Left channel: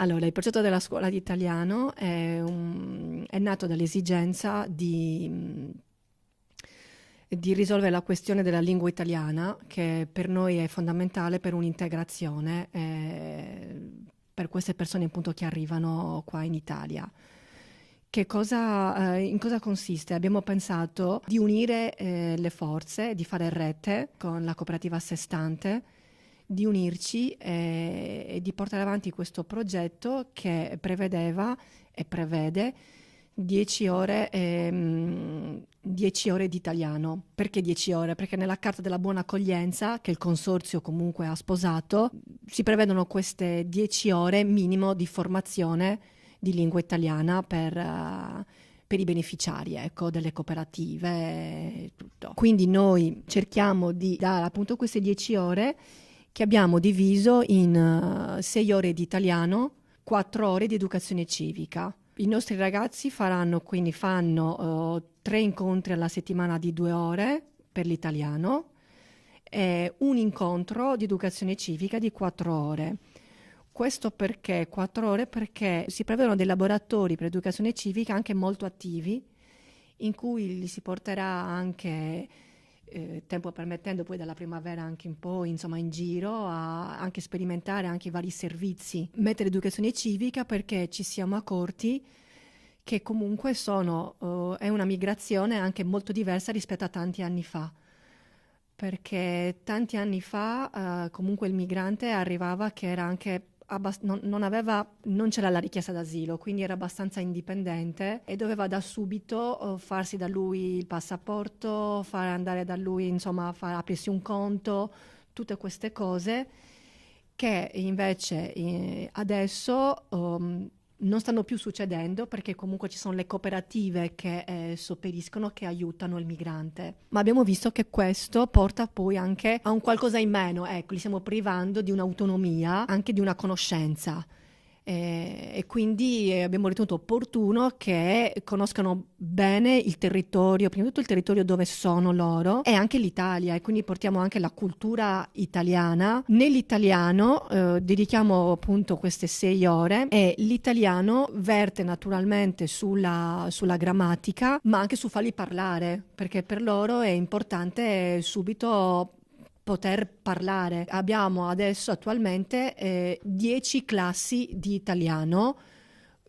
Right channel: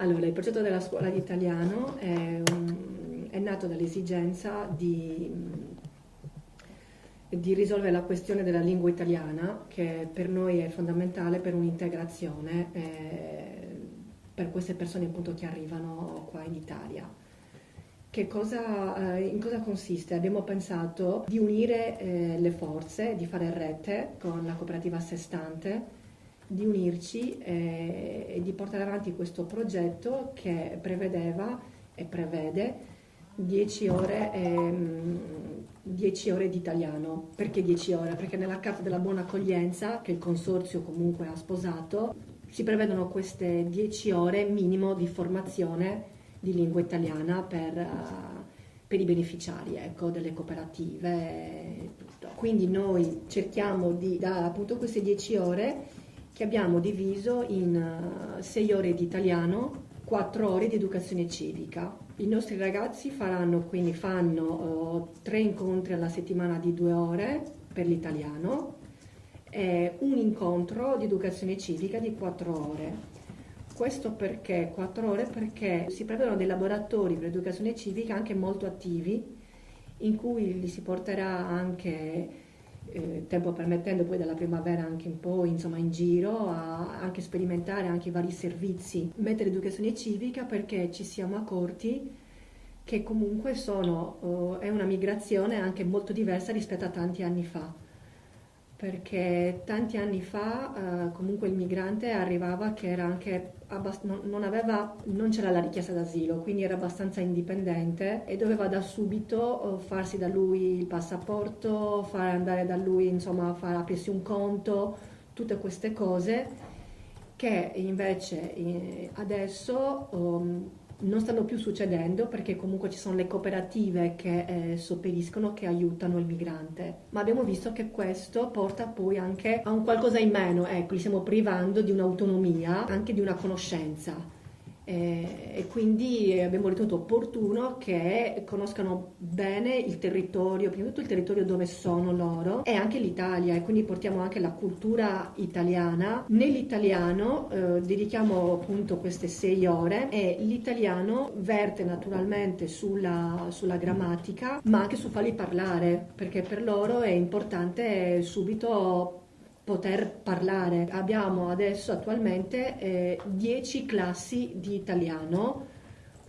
Allora, il progetto della scuola di italiano è nato dall'esigenza di risolvere la questione della lingua italiana, che per noi è fondamentale per un'integrazione per queste persone appunto che arrivano qua in Italia. In cosa consiste? Abbiamo pensato di unire le forze, di fare rete con la cooperativa a sé stante, di unirci e di portare avanti questo progetto che prevedeva e prevede 10 ore, 10 ore di italiano. Perché 10 ore? Perché nella Carta della Buona Accoglienza, che il consorzio comunque ha sposato, si prevedono queste 10 ore minimo di formazione di lingua italiana per i beneficiari, ecco, delle cooperative e tutto. Quindi noi cerchiamo di dare appunto queste 10 ore che abbiamo diviso in 6 ore di italiano, 4 ore di educazione civica. I nostri ragazzi fanno 3 incontri alla settimana di 2 ore per l'italiano e un incontro di educazione civica di 4 ore. Questo perché 4 ore? Perché si prevedono dei laboratori per educazione civica anche molto attivi, in cui li si porterà anche, tempo permettendo, poi dalla primavera anche un po', insomma, in giro, a anche sperimentare anche i vari servizi. Mettere educazione civica perché ci siamo accorti che comunque è una migrazione anche molto diversa rispetto a tanti anni fa. Perché tanti anni fa comunque il migrante arrivava che era anche non c'era la richiesta d'asilo, quindi era abbastanza indipendente e doveva da subito farsi da lui il passaporto, fare andare da lui, insomma, aprirsi un conto, tutte queste cose che invece adesso non stanno più succedendo perché comunque ci sono le cooperative che sopperiscono, che aiutano il migrante. Ma abbiamo visto che questo porta poi anche a un qualcosa in meno, ecco, li stiamo privando di un'autonomia, anche di una conoscenza. E quindi abbiamo ritenuto opportuno che conoscano bene il territorio, prima di tutto il territorio dove sono loro e anche l'Italia, e quindi portiamo anche la cultura italiana. Nell'italiano dedichiamo appunto queste 6 ore e l'italiano verte naturalmente sulla grammatica, ma anche su farli parlare, perché per loro è importante subito poter parlare. Abbiamo adesso attualmente 10 classi di italiano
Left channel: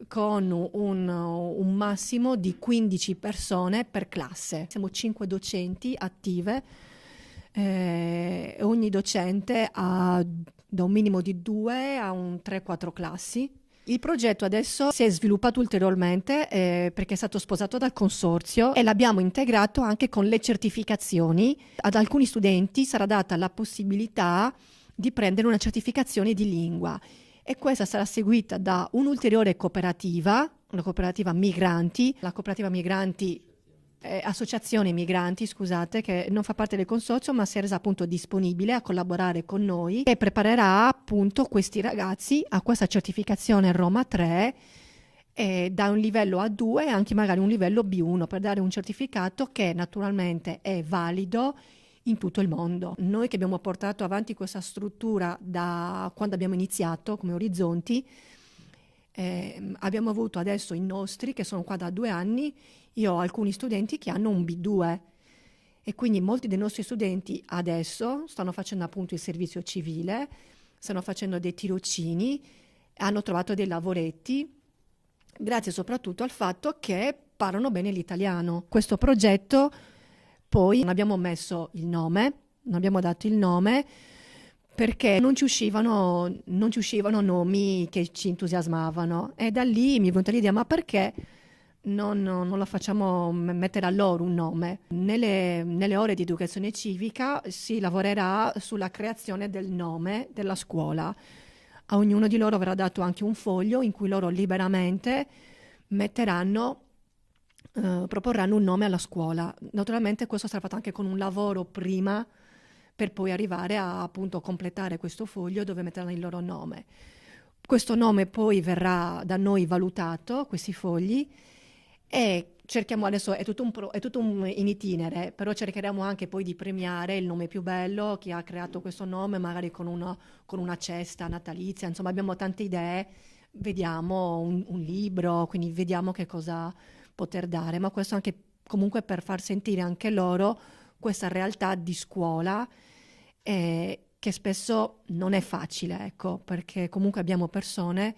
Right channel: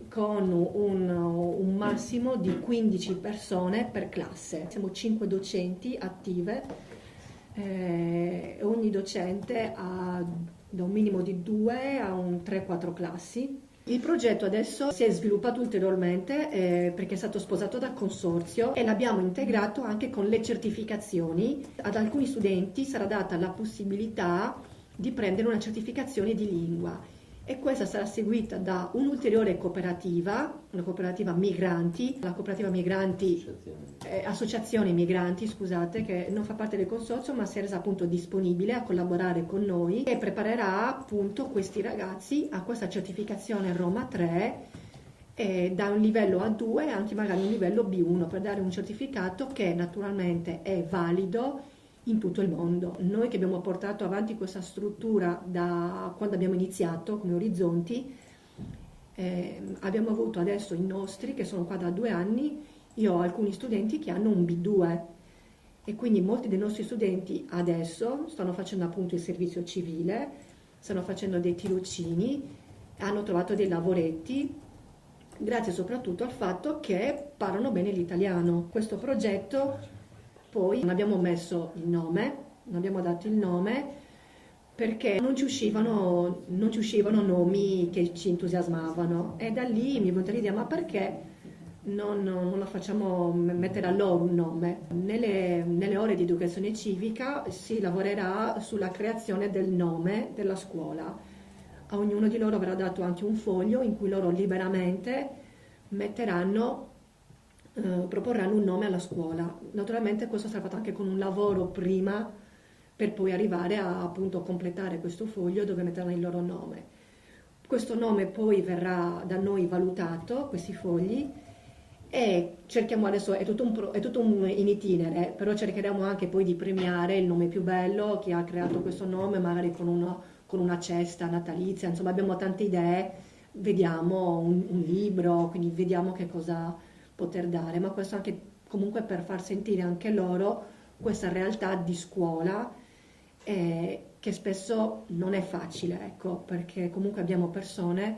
con un massimo di 15 persone per classe. Siamo 5 docenti attive, ogni docente ha da un minimo di 2 a un 3-4 classi. Il progetto adesso si è sviluppato ulteriormente perché è stato sposato dal consorzio e l'abbiamo integrato anche con le certificazioni. Ad alcuni studenti sarà data la possibilità di prendere una certificazione di lingua e questa sarà seguita da un'ulteriore cooperativa, una cooperativa migranti, la cooperativa migranti associazione migranti, scusate, che non fa parte del consorzio, ma si è resa appunto disponibile a collaborare con noi e preparerà appunto questi ragazzi a questa certificazione Roma 3 da un livello A2 e anche magari un livello B1 per dare un certificato che naturalmente è valido in tutto il mondo. Noi che abbiamo portato avanti questa struttura da quando abbiamo iniziato come Orizzonti, abbiamo avuto adesso i nostri che sono qua da 2 anni. Io ho alcuni studenti che hanno un B2 e quindi molti dei nostri studenti adesso stanno facendo appunto il servizio civile, stanno facendo dei tirocini, hanno trovato dei lavoretti, grazie soprattutto al fatto che parlano bene l'italiano. Questo progetto poi non abbiamo messo il nome, non abbiamo dato il nome perché non ci uscivano nomi che ci entusiasmavano e da lì mi è venuta l'idea, ma perché non la facciamo mettere a loro un nome? Nelle ore di educazione civica si lavorerà sulla creazione del nome della scuola. A ognuno di loro verrà dato anche un foglio in cui loro liberamente proporranno un nome alla scuola. Naturalmente questo sarà fatto anche con un lavoro prima per poi arrivare a appunto completare questo foglio dove metteranno il loro nome. Questo nome poi verrà da noi valutato, questi fogli, e cerchiamo adesso, è tutto in itinere, però cercheremo anche poi di premiare il nome più bello, chi ha creato questo nome, magari con una cesta natalizia, insomma abbiamo tante idee vediamo un libro, quindi vediamo che cosa poter dare, ma questo anche comunque per far sentire anche loro questa realtà di scuola che spesso non è facile, ecco, perché comunque abbiamo persone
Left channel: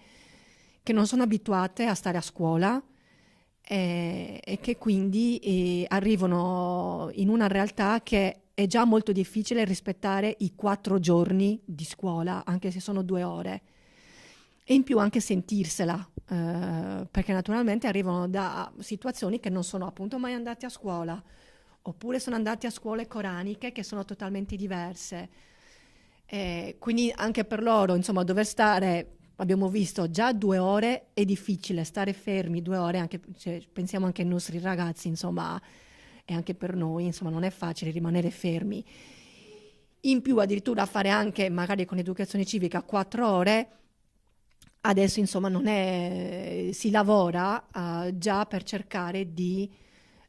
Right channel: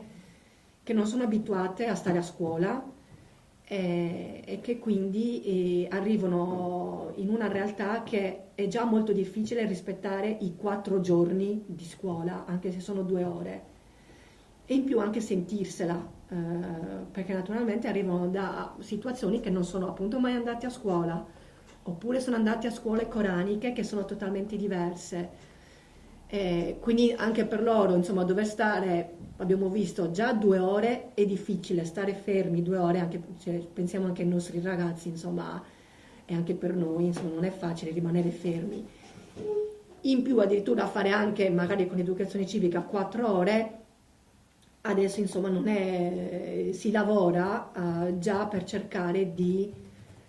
che non sono abituate a stare a scuola e che quindi arrivano in una realtà che è già molto difficile rispettare i 4 giorni di scuola, anche se sono 2 ore. E in più anche sentirsela, perché naturalmente arrivano da situazioni che non sono appunto mai andati a scuola, oppure sono andati a scuole coraniche che sono totalmente diverse. Quindi anche per loro, insomma, dover stare, abbiamo visto già 2 ore è difficile, stare fermi 2 ore, anche se pensiamo anche ai nostri ragazzi, insomma, e anche per noi, insomma, non è facile rimanere fermi. In più addirittura fare anche magari con l'educazione civica 4 ore, adesso insomma non è, si lavora già per cercare di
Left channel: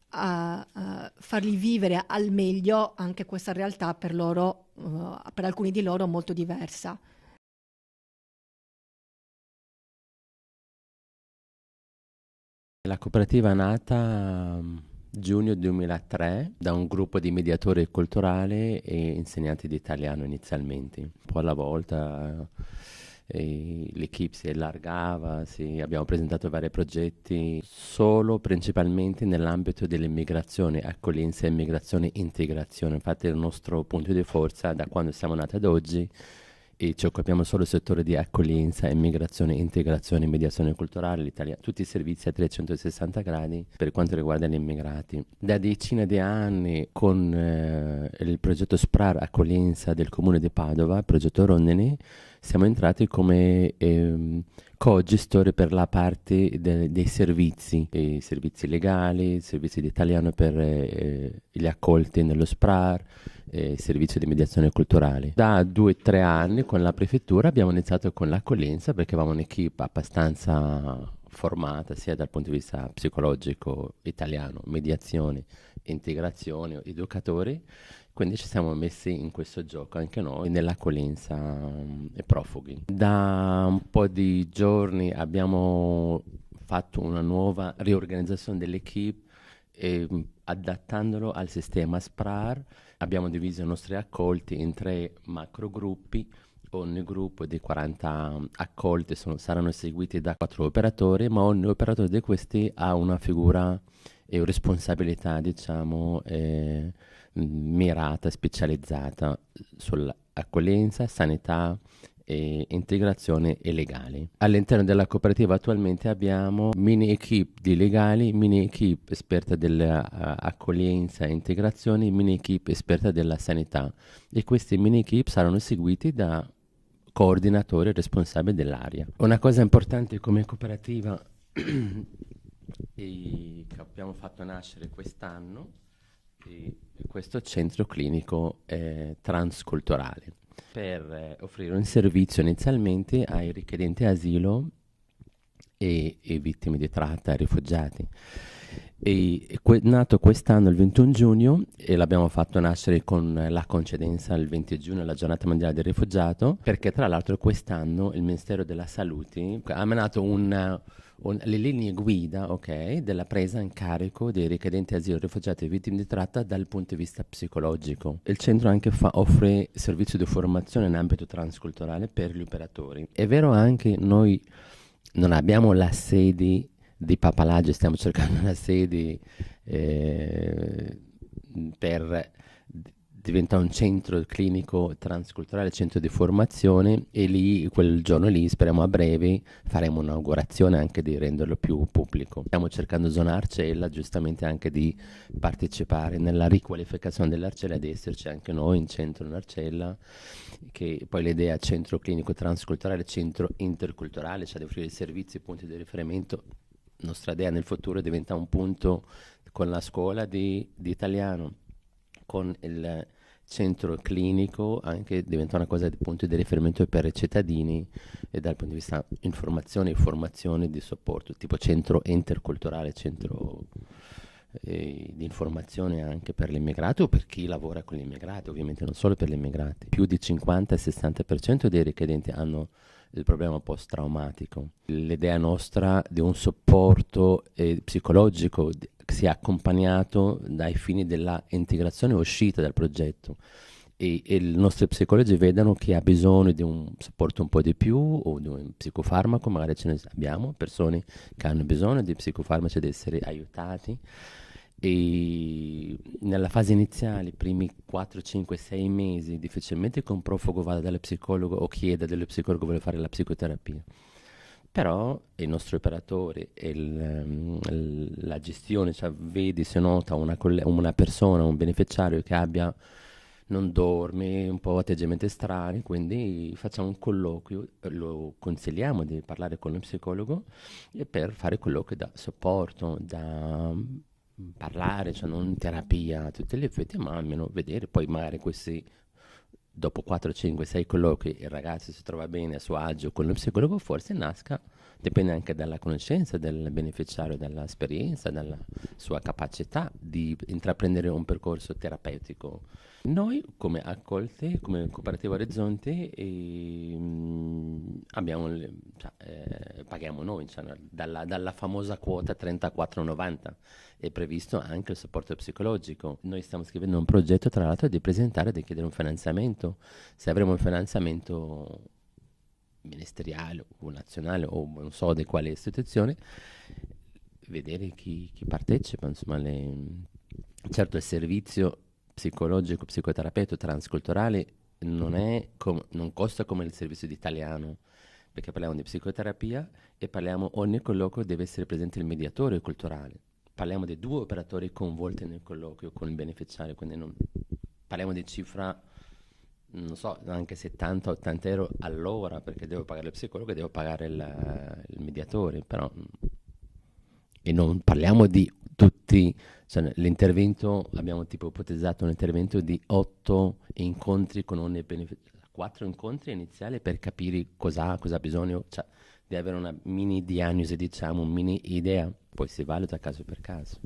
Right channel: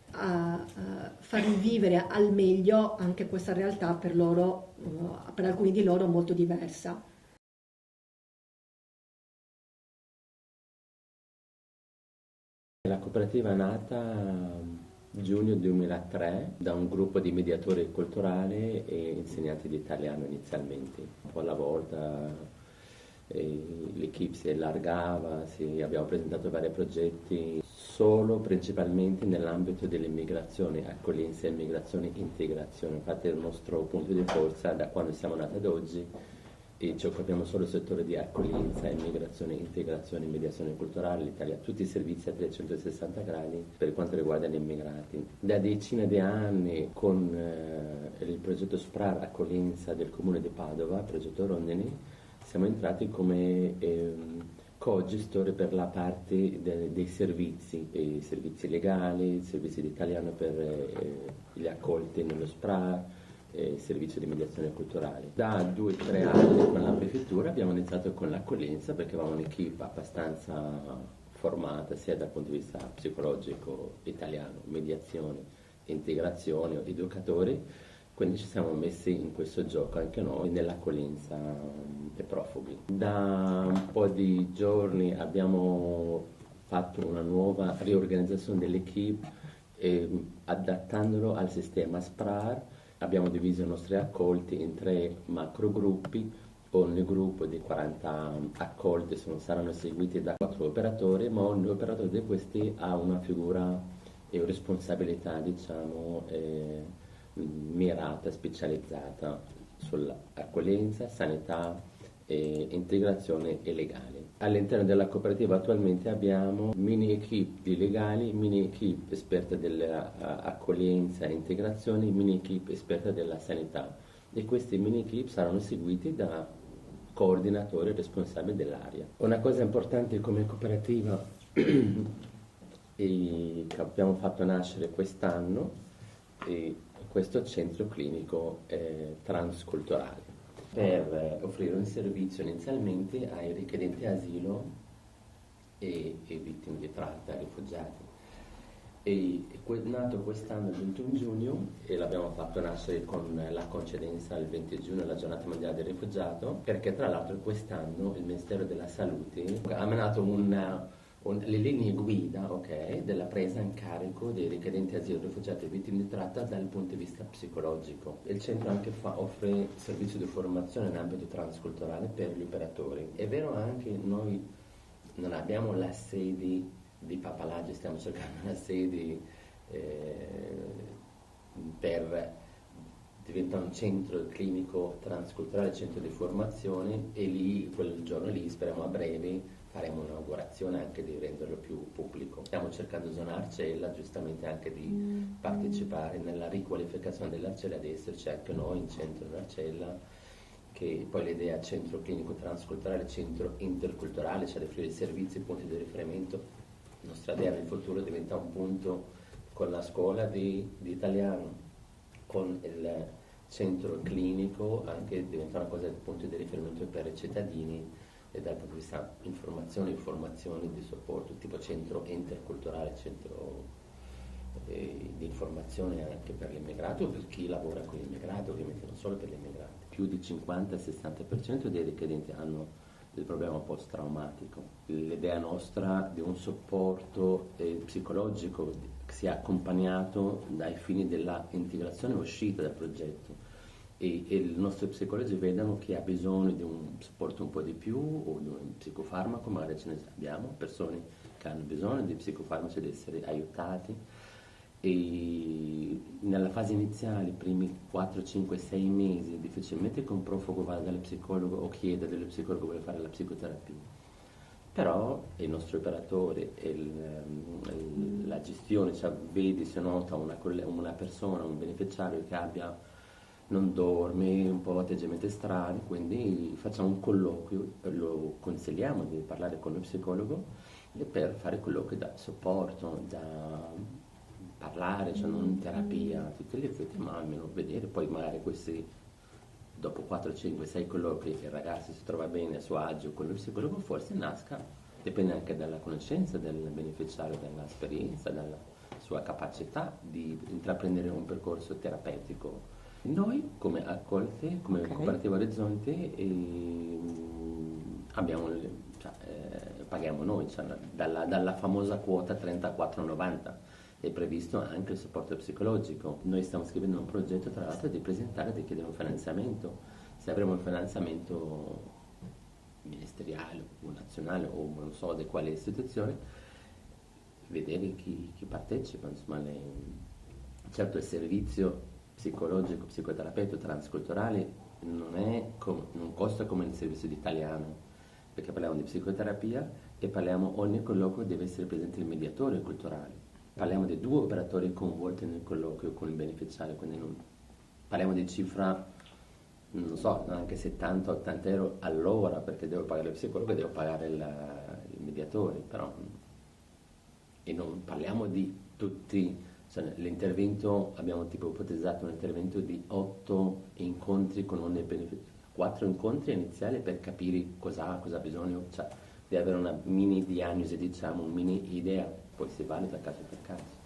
farli vivere al meglio anche questa realtà per loro, per alcuni di loro molto diversa. La cooperativa è nata giugno 2003 da un gruppo di mediatori culturali e insegnanti di italiano inizialmente. Un po' alla volta l'equipe si allargava, abbiamo presentato vari progetti solo principalmente nell'ambito dell'immigrazione, accoglienza, immigrazione, integrazione. Infatti il nostro punto di forza da quando siamo nati ad oggi e ci occupiamo solo del settore di accoglienza, immigrazione, integrazione, mediazione culturale, tutti i servizi a 360 gradi per quanto riguarda gli immigrati. Da decine di anni con il progetto SPRAR accoglienza del comune di Padova, il progetto Rondini, siamo entrati come co-gestori per la parte dei servizi, i servizi legali, servizi di italiano per gli accolti nello SPRAR, servizio di mediazione culturale. Da 2 o 3 anni con la prefettura abbiamo iniziato con l'accoglienza perché avevamo un'equipe abbastanza formata sia dal punto di vista psicologico italiano, mediazione, integrazione, educatori, quindi ci siamo messi in questo gioco anche noi nell'accoglienza ai profughi. Da un po' di giorni abbiamo fatto una nuova riorganizzazione dell'equipe adattandolo al sistema SPRAR. Abbiamo diviso i nostri accolti in 3 macro gruppi. Ogni gruppo di 40 accolti saranno seguiti da 4 operatori, ma ogni operatore di questi ha una figura e una responsabilità, diciamo, mirata, specializzata sull'accoglienza, sanità, integrazione e legali. All'interno della cooperativa attualmente abbiamo mini equip di legali, mini equip esperta dell'accoglienza e integrazione, mini equip esperta della sanità e questi mini equip saranno seguiti da coordinatori responsabili dell'area. Una cosa importante come cooperativa che abbiamo fatto nascere quest'anno è questo centro clinico transculturale per offrire un servizio inizialmente ai richiedenti asilo e vittime di tratta, rifugiati. Nato quest'anno il 21 giugno e l'abbiamo fatto nascere con la coincidenza il 20 giugno, la giornata mondiale del rifugiato, perché tra l'altro quest'anno il Ministero della Salute ha emanato le linee guida, ok, della presa in carico dei richiedenti asilo, rifugiati e vittime di tratta dal punto di vista psicologico. Il centro anche offre servizio di formazione in ambito transculturale per gli operatori. È vero anche noi non abbiamo la sede di papalaggio, stiamo cercando una sede per diventa un centro clinico transculturale, centro di formazione e lì, quel giorno lì, speriamo a breve, faremo un'inaugurazione anche di renderlo più pubblico. Stiamo cercando zona Arcella giustamente anche di partecipare nella riqualificazione dell'Arcella, ad esserci anche noi in centro in Arcella, che poi l'idea centro clinico transculturale, centro interculturale, cioè di offrire servizi, punti di riferimento. La nostra idea nel futuro diventa un punto con la scuola di italiano, con il centro clinico, anche diventa una cosa di punto di riferimento per i cittadini e dal punto di vista informazione e formazione di supporto, tipo centro interculturale, centro di informazione anche per l'immigrato o per chi lavora con l'immigrato, ovviamente non solo per gli immigrati. Più di 50-60% dei richiedenti hanno il problema post-traumatico. L'idea nostra di un supporto psicologico che sia accompagnato dai fini della integrazione e uscita dal progetto. E i nostri psicologi vedono che ha bisogno di un supporto un po' di più o di un psicofarmaco, magari ce ne abbiamo persone che hanno bisogno di psicofarmaci, di essere aiutati. E nella fase iniziale, i primi 4, 5, 6 mesi, difficilmente che un profugo vada dallo psicologo o chieda dallo psicologo vuole fare la psicoterapia. Però il nostro operatore e la gestione, cioè vedi se nota una persona, un beneficiario che non dorme, un po' atteggiamenti strani, quindi facciamo un colloquio, lo consigliamo di parlare con lo psicologo e per fare colloqui da supporto, da parlare, cioè non terapia a tutti gli effetti, ma almeno vedere, poi magari questi dopo 4, 5, 6 colloqui il ragazzo si trova bene a suo agio con lo psicologo, forse nasca, dipende anche dalla conoscenza del beneficiario, dall'esperienza, dalla sua capacità di intraprendere un percorso terapeutico. Noi come Accolte, come Cooperativa Orizzonte, paghiamo noi, cioè dalla famosa quota 34,90 è previsto anche il supporto psicologico. Noi stiamo scrivendo un progetto, tra l'altro, di presentare, di chiedere un finanziamento. Se avremo un finanziamento ministeriale o nazionale o non so di quale istituzione, vedere chi partecipa, insomma, certo il servizio psicologico, psicoterapeutico, transculturale non costa come il servizio di italiano, perché parliamo di psicoterapia e ogni colloquio deve essere presente il mediatore culturale. Parliamo di 2 operatori coinvolti nel colloquio con il beneficiario, quindi parliamo di cifra, non so, anche 70-80 euro all'ora, perché devo pagare il psicologo e devo pagare il mediatore, però. E non parliamo di tutti, cioè l'intervento, abbiamo tipo ipotizzato un intervento di 8 incontri con ogni beneficiario, 4 incontri iniziali per capire cosa ha bisogno, cioè di avere una mini diagnosi, diciamo, un mini idea, poi si valuta caso per caso.